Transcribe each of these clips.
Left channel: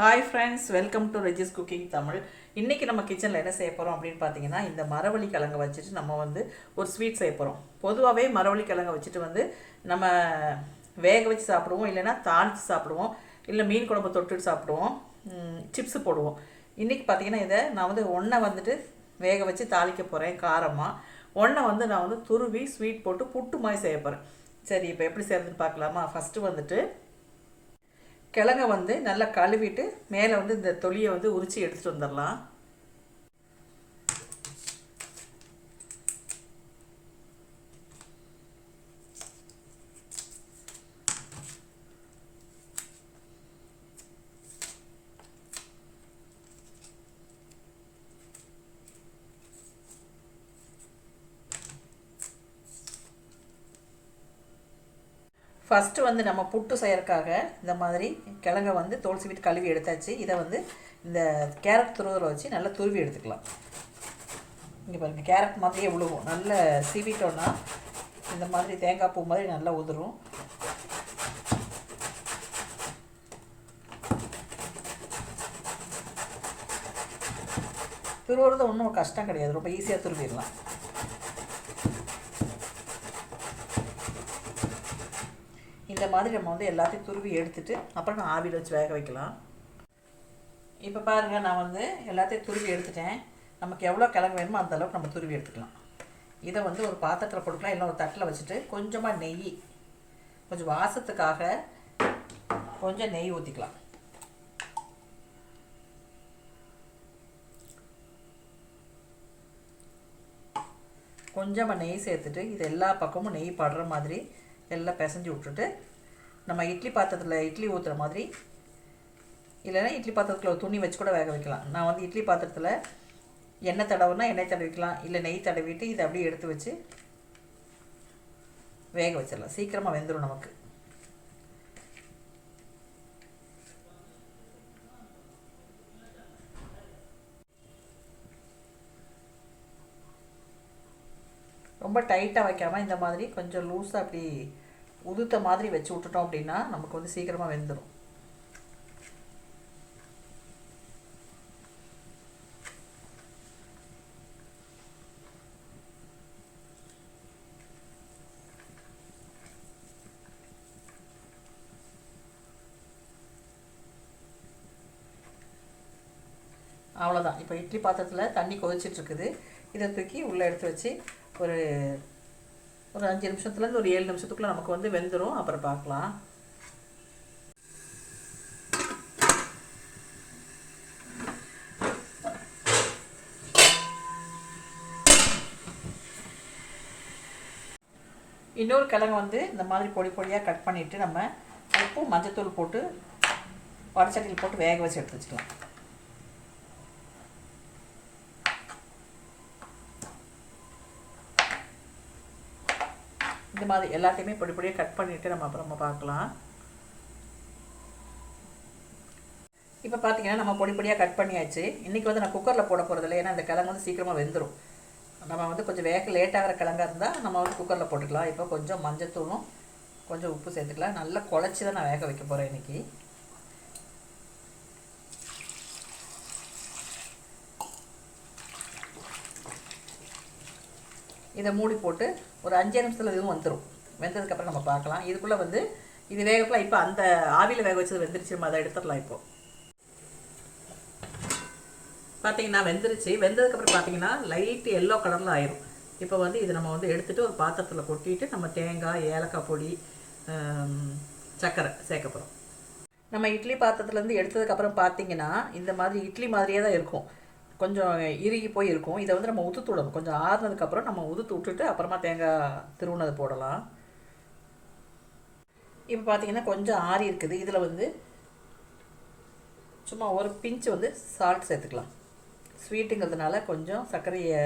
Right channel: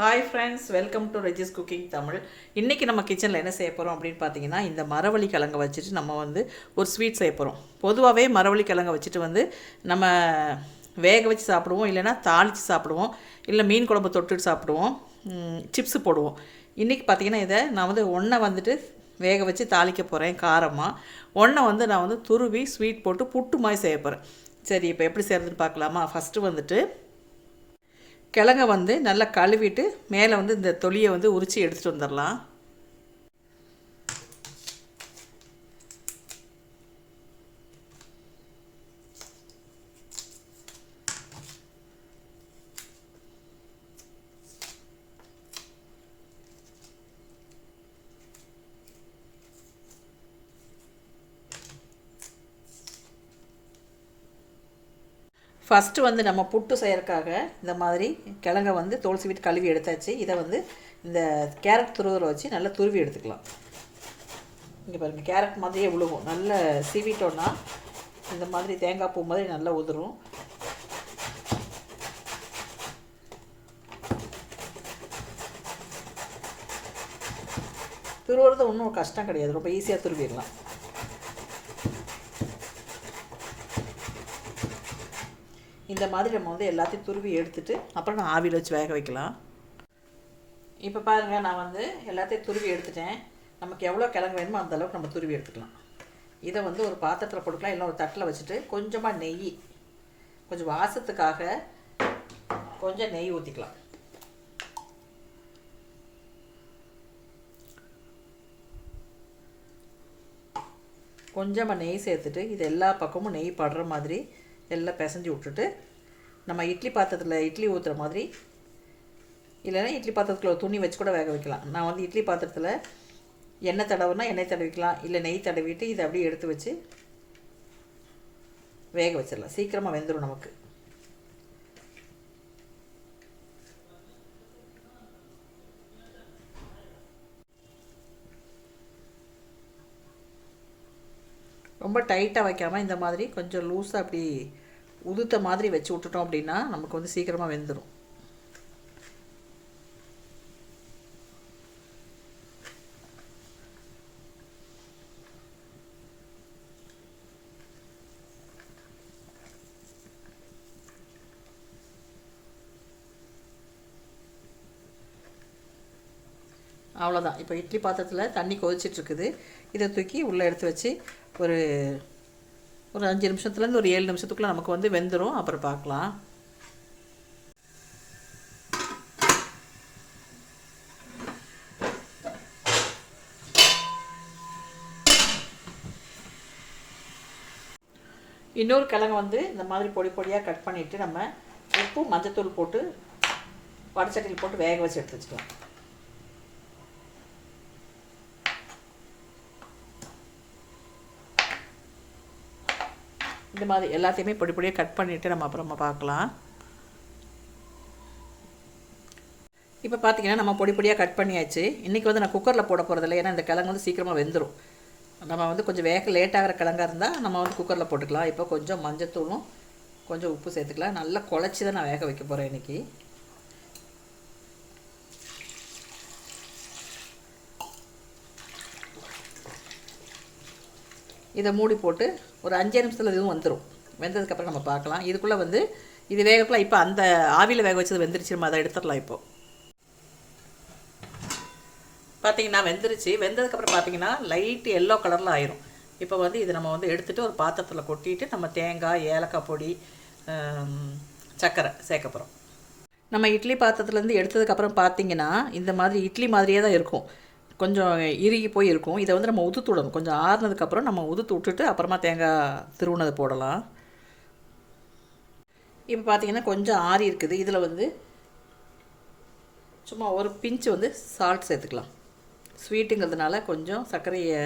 Hi friends welcome to Regis cooking Tamil இன்றைக்கி நம்ம கிச்சனில் என்ன செய்ய போகிறோம் அப்படின்னு பார்த்தீங்கன்னா இந்த மரவள்ளி கிழங்க வச்சுட்டு நம்ம வந்து ஒரு ஸ்வீட் செய்ய போகிறோம் பொதுவாகவே மரவள்ளி கிழங்க வச்சுட்டு வந்து நம்ம வேக வச்சு சாப்பிடுவோம் இல்லைன்னா தாளித்து சாப்பிடுவோம் இல்லை மீன் குழம்பு தொட்டுட்டு சாப்பிடுவோம் சிப்ஸு போடுவோம். இன்றைக்கி பார்த்தீங்கன்னா இதை நான் வந்து ஒன்றை வந்துட்டு வேக வச்சு தாளிக்க போகிறேன் காரமாக ஒன்றை வந்து நான் வந்து துருவி ஸ்வீட் போட்டு புட்டு மாதிரி செய்ய போகிறேன் சரி இப்போ எப்படி செய்கிறதுன்னு பார்க்கலாமா? ஃபஸ்ட்டு வந்துட்டு கிழங்க வந்து நல்லா கழுவிட்டு மேலே வந்து இந்த தொலியை வந்து உரித்து எடுத்துகிட்டு வந்துடலாம். ஃபஸ்ட்டு வந்து நம்ம புட்டு செய்யறதுக்காக இந்த மாதிரி கிழங்கை வந்து தோல் சீவிட்டு கழுவி எடுத்தாச்சு. இதை வந்து இந்த கேரட் துருவரை வச்சு நல்லா துருவி எடுத்துக்கலாம். இங்கே பாருங்கள் கேரட் மாதிரியே விழுகும் நல்ல சீவிட்டோன்னா இந்த மாதிரி தேங்காய் பூ மாதிரி நல்லா உதிரும். துருவுறது ஒன்றும் கஷ்டம் கிடையாது. ரொம்ப ஈஸியாக துருவிடலாம். இந்த மாதிரி நம்ம வந்து எல்லாத்தையும் துருவி எடுத்துட்டு அப்புறம் நான் ஆவியில் வச்சு வேக வைக்கலாம். இப்போ பாருங்கள் நான் வந்து எல்லாத்தையும் துருவி எடுத்துட்டேன். நமக்கு எவ்வளோ கிழங்கு வேணுமோ அந்தளவுக்கு நம்ம துருவி எடுத்துக்கலாம். இதை வந்து ஒரு பாத்திரத்தில் போட்டுக்கலாம் இல்லை ஒரு தட்டில் வச்சுட்டு கொஞ்சமாக நெய் கொஞ்சம் வாசத்துக்காக கொஞ்சம் நெய் ஊற்றிக்கலாம் கொஞ்சமாக நெய் சேர்த்துட்டு இது எல்லா பக்கமும் நெய் படுற மாதிரி எல்லாம் பிசைஞ்சு விட்டுட்டு நம்ம இட்லி பாத்திரத்தில் இட்லி ஊற்றுற மாதிரி இல்லைன்னா இட்லி பாத்திரத்தில் ஒரு துணி வச்சு கூட வேக வைக்கலாம். நான் வந்து இட்லி பாத்திரத்தில் எண்ணெய் தடவுனா எண்ணெய் தடவிக்கலாம் இல்லை நெய் தடவிட்டு இதை அப்படியே எடுத்து வச்சு வேக வச்சிடலாம். சீக்கிரமாக வெந்துடும் நமக்கு. ரொம்ப டைட்டாக வைக்காமல் இந்த மாதிரி கொஞ்சம் லூஸாக அப்படி உதுத்த மாதிரி வச்சு விட்டுட்டோம் அப்படின்னா நமக்கு வந்து சீக்கிரமாக வெந்துடும் அவ்வளோதான் இப்போ இட்லி பாத்திரத்தில் தண்ணி கொதிச்சிட்ருக்குது இதை தூக்கி உள்ளே எடுத்து வச்சு ஒரு ஒரு அஞ்சு நிமிஷத்துலேருந்து ஒரு ஏழு நிமிஷத்துக்குள்ளே நமக்கு வந்து வெந்துடும் அப்புறம் பார்க்கலாம். இன்னொரு கிழங்கு வந்து இந்த மாதிரி பொடி பொடியாக கட் பண்ணிவிட்டு நம்ம உப்பு மஞ்சத்தூள் போட்டு வடச்சட்டியில் போட்டு வேக வச்சு எடுத்து வச்சுக்கலாம். இந்த மாதிரி எல்லாத்தையுமே பொடி பொடியாக கட் பண்ணிவிட்டு நம்ம அப்புறமா பார்க்கலாம். இப்போ பார்த்தீங்கன்னா நம்ம பொடி பொடியாக கட் பண்ணியாச்சு. இன்றைக்கி வந்து நான் குக்கரில் போட போகிறதில்ல ஏன்னா இந்த கிழங்கு வந்து சீக்கிரமாக வெந்துடும் நம்ம வந்து கொஞ்சம் வேக லேட்டாகிற கிழங்காக இருந்தால் நம்ம வந்து குக்கரில் போட்டுக்கலாம். இப்போ கொஞ்சம் மஞ்சத்தூளும் கொஞ்சம் உப்பு சேர்த்துக்கலாம். நல்லா குழச்சி தான் நான் வேக வைக்க போகிறேன் இன்றைக்கி இதை மூடி போட்டு ஒரு அஞ்சு நிமிஷத்தில் இதுவும் வந்துடும் வெந்ததுக்கப்புறம் நம்ம பார்க்கலாம். இதுக்குள்ளே வந்து இது வேகக்குள்ள இப்போ அந்த ஆவியில் வேக வச்சது வெந்துருச்சு. நம்ம அதை எடுத்துடலாம் இப்போது பார்த்தீங்கன்னா வெந்துருச்சு. வெந்ததுக்கப்புறம் பார்த்தீங்கன்னா லைட்டு எல்லோ கலரில் ஆயிரும். இப்போ வந்து இது நம்ம வந்து எடுத்துகிட்டு ஒரு பாத்திரத்தில் கொட்டிட்டு நம்ம தேங்காய் ஏலக்காய் பொடி சர்க்கரை சேர்க்க போகிறோம் நம்ம இட்லி பாத்திரத்துலேருந்து எடுத்ததுக்கப்புறம் பார்த்தீங்கன்னா இந்த மாதிரி இட்லி மாதிரியே தான் இருக்கும். கொஞ்சம் இறுகி போய் இருக்கும் இதை வந்து நம்ம உதுத்து விடணும். கொஞ்சம் ஆறுனதுக்கப்புறம் நம்ம உதுத்து விட்டுட்டு அப்புறமா தேங்காய் திருவுனதை போடலாம். இப்போ பார்த்தீங்கன்னா கொஞ்சம் ஆறி இருக்குது. இதில் வந்து சும்மா ஒரு பிஞ்சு வந்து சால்ட் சேர்த்துக்கலாம். ஸ்வீட்டுங்கிறதுனால கொஞ்சம் சர்க்கரையை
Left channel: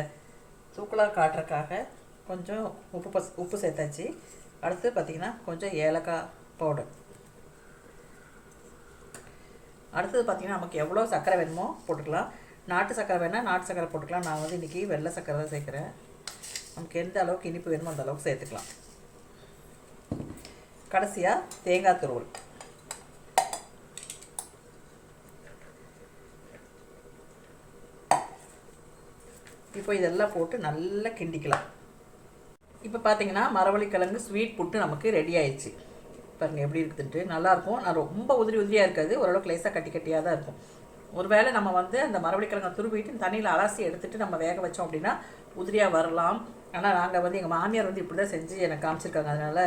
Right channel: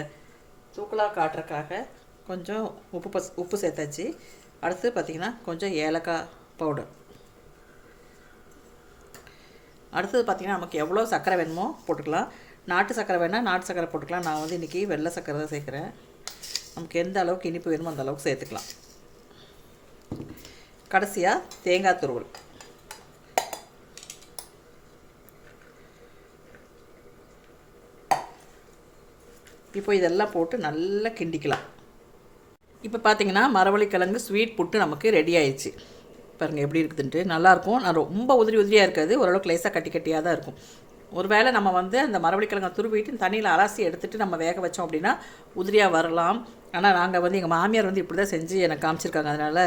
தூக்கலாக காட்டுறக்காக கொஞ்சம் உப்பு பஸ் உப்பு சேர்த்தாச்சு. அடுத்து பார்த்திங்கன்னா கொஞ்சம் ஏலக்காய் பவுடர் அடுத்தது பார்த்திங்கன்னா நமக்கு எவ்வளோ சர்க்கரை வேணுமோ போட்டுக்கலாம். நாட்டு சக்கரை வேணால் நாட்டு சக்கரை போட்டுக்கலாம். நான் வந்து இன்றைக்கி வெள்ளை சக்கரை தான் சேர்க்குறேன். நமக்கு எந்த அளவுக்கு இனிப்பு வேணுமோ அந்த அளவுக்கு சேர்த்துக்கலாம். கடைசியாக தேங்காய் துருவல். இப்போ இதெல்லாம் போட்டு நல்லா கிண்டிக்கலாம். இப்போ பார்த்தீங்கன்னா மரவள்ளிக்கிழங்கு ஸ்வீட் புட்டு நமக்கு ரெடி ஆயிடுச்சு. பாருங்கள் எப்படி இருக்குதுன்ட்டு. நல்லாயிருக்கும் நான் ரொம்ப உதிரி உதிரியாக இருக்காது. ஓரளவுக்கு லேசாக கட்டி கட்டியாக தான் இருக்கும். ஒருவேளை நம்ம வந்து அந்த மரவள்ளி கிழங்கை துருவிட்டு தண்ணியில் அலசி எடுத்துட்டு நம்ம வேக வச்சோம் அப்படின்னா உதிரியாக வரலாம். ஆனால் நாங்கள் வந்து எங்கள் மாமியார் வந்து இப்படி தான் செஞ்சு எனக்கு காமிச்சிருக்காங்க. அதனால்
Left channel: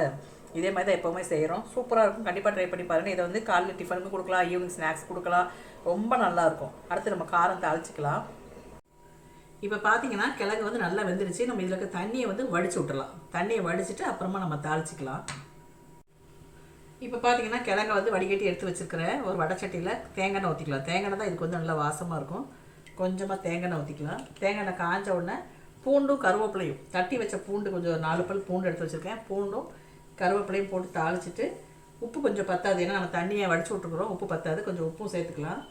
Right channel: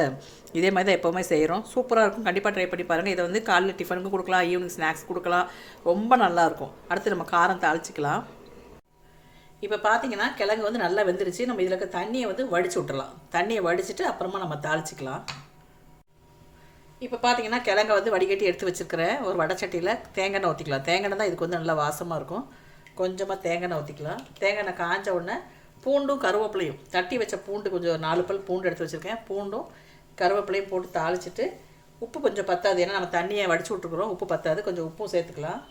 இதே மாதிரி தான் எப்போவுமே செய்கிறோம் சூப்பராக இருக்கும். கண்டிப்பாக ட்ரை பண்ணி பாருங்கள் இதை வந்து காலைல டிஃபனுக்கும் கொடுக்கலாம். ஈவினிங் ஸ்நாக்ஸ் கொடுக்கலாம். ரொம்ப நல்லாயிருக்கும் அடுத்து நம்ம காரம் தாளிச்சிக்கலாம். இப்போ பார்த்தீங்கன்னா கிழங்கு வந்து நல்லா வெந்துருச்சு. நம்ம இதில் இருக்க தண்ணியை வந்து வடிச்சு விட்டுறலாம். தண்ணியை வடிச்சிட்டு அப்புறமா நம்ம தாளிச்சிக்கலாம். இப்போ பார்த்தீங்கன்னா கிழங்க வந்து வடிகட்டி எடுத்து வச்சுருக்கிறேன். ஒரு வடச்சட்டியில் தேங்காய் எண்ணெய் ஊற்றிக்கலாம் தேங்காய் எண்ணெய் தான் இதுக்கு வந்து நல்லா வாசமாக இருக்கும். கொஞ்சமாக தேங்காய் எண்ணெய் ஊற்றிக்கலாம் தேங்காய் எண்ணெய் காஞ்ச உடனே பூண்டும் கருவேப்பிலையும் தட்டி வச்ச பூண்டு கொஞ்சம் நாலு பல் பூண்டு எடுத்து வச்சுருக்கேன். பூண்டும் கருவேப்பிலையும் போட்டு தாளிச்சிட்டு உப்பு கொஞ்சம் பத்தாது. ஏன்னா நம்ம தண்ணியை வடிச்சு விட்டுருக்குறோம். உப்பு பத்தாது. கொஞ்சம் உப்பும் சேர்த்துக்கலாம்.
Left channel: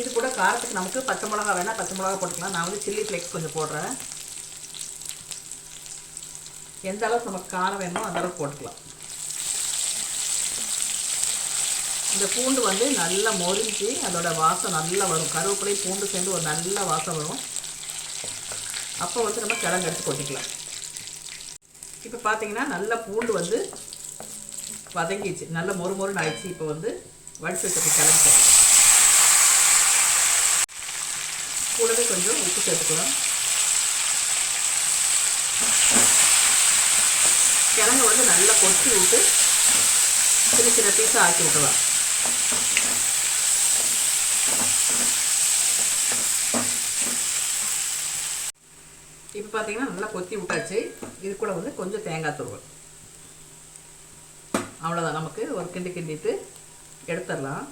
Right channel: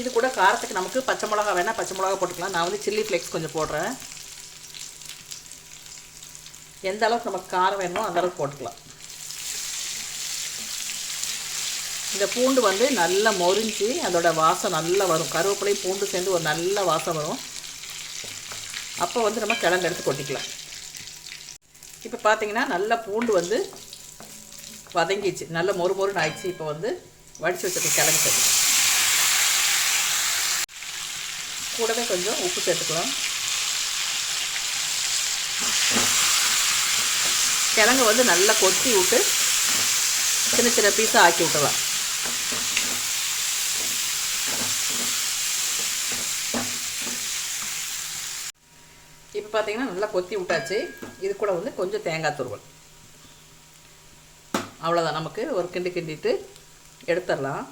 இது கூட காரத்துக்கு நமக்கு பச்சை மிளகா வேணால் பச்சை மிளகா போட்டுக்கலாம். நான் வந்து சில்லி ஃப்ளேக்ஸ் கொஞ்சம் போடுறேன். எந்த அளவுக்கு நமக்கு காரம் வேணுமோ அந்த அளவுக்கு போட்டுக்கலாம். இந்த பூண்டு வந்து நல்லா மொரிஞ்சு அதோட வாசம் நல்லா வரும். கருவேப்பிலை பூண்டு சேர்ந்து ஒரு நல்ல வாசம் வரும். அப்போ வந்து நம்ம கிழங்கு எடுத்து கொட்டிக்கலாம். இப்போ பார்த்தீங்கன்னா நல்லா பூண்டு வந்து வதங்கிச்சு நல்ல மொறு மொறுன்னு ஆயிடுச்சு. இப்போ வந்து வடிச்சு வச்சுருக்க கிழங்கு. கூடவே கொஞ்சம் உப்பு சேர்த்துக்கலாம். கிழங்கு வந்து நல்லா கொத்தி விட்டு சின்ன சின்ன பீஸாக ஆக்கி விட்டலாம் இப்போ பார்த்தீங்கன்னா நல்லா கொத்தி விட்டாச்சு. இது கூட வந்து கொஞ்சம் தேங்காய் தூள் அவ்வளோதான் நமக்கு ஒரு கிண்டி கிண்டிட்டு எடுத்துடலாம்.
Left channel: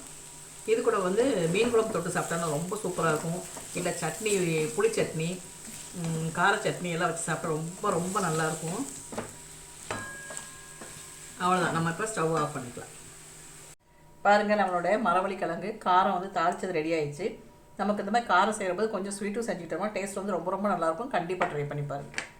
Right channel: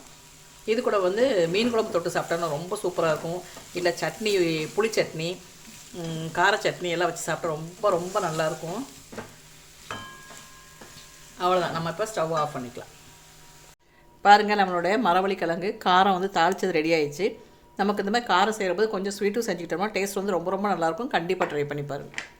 இது கூட வந்து மீன் குழம்பு தொட்டு சாப்பிட்டோம்னா ரொம்ப சூப்பராக இருக்கும். இல்லை சட்னி புளி சட்னி கார சட்னி எல்லாம் வச்சு சாப்பிட்டா ரொம்ப ரொம்ப நல்லாயிருக்கும் அவ்வளோதான் நம்ம இப்போ ஸ்டவ் ஆஃப் பண்ணிக்கலாம். பாருங்கள் நம்மளுடைய மரவள்ளி கிழங்கு. காரம் வந்து தாளிச்சது ரெடி ஆயிடுச்சு. நமக்கு இந்த மாதிரி காரம் செய்கிறபோது கொஞ்சம் ஸ்வீட்டும் செஞ்சுக்கிட்டோம்னா டேஸ்ட் வந்து ரொம்ப ரொம்ப நல்லாயிருக்கும் கண்டிப்பாக ட்ரை பண்ணி பாருங்கள்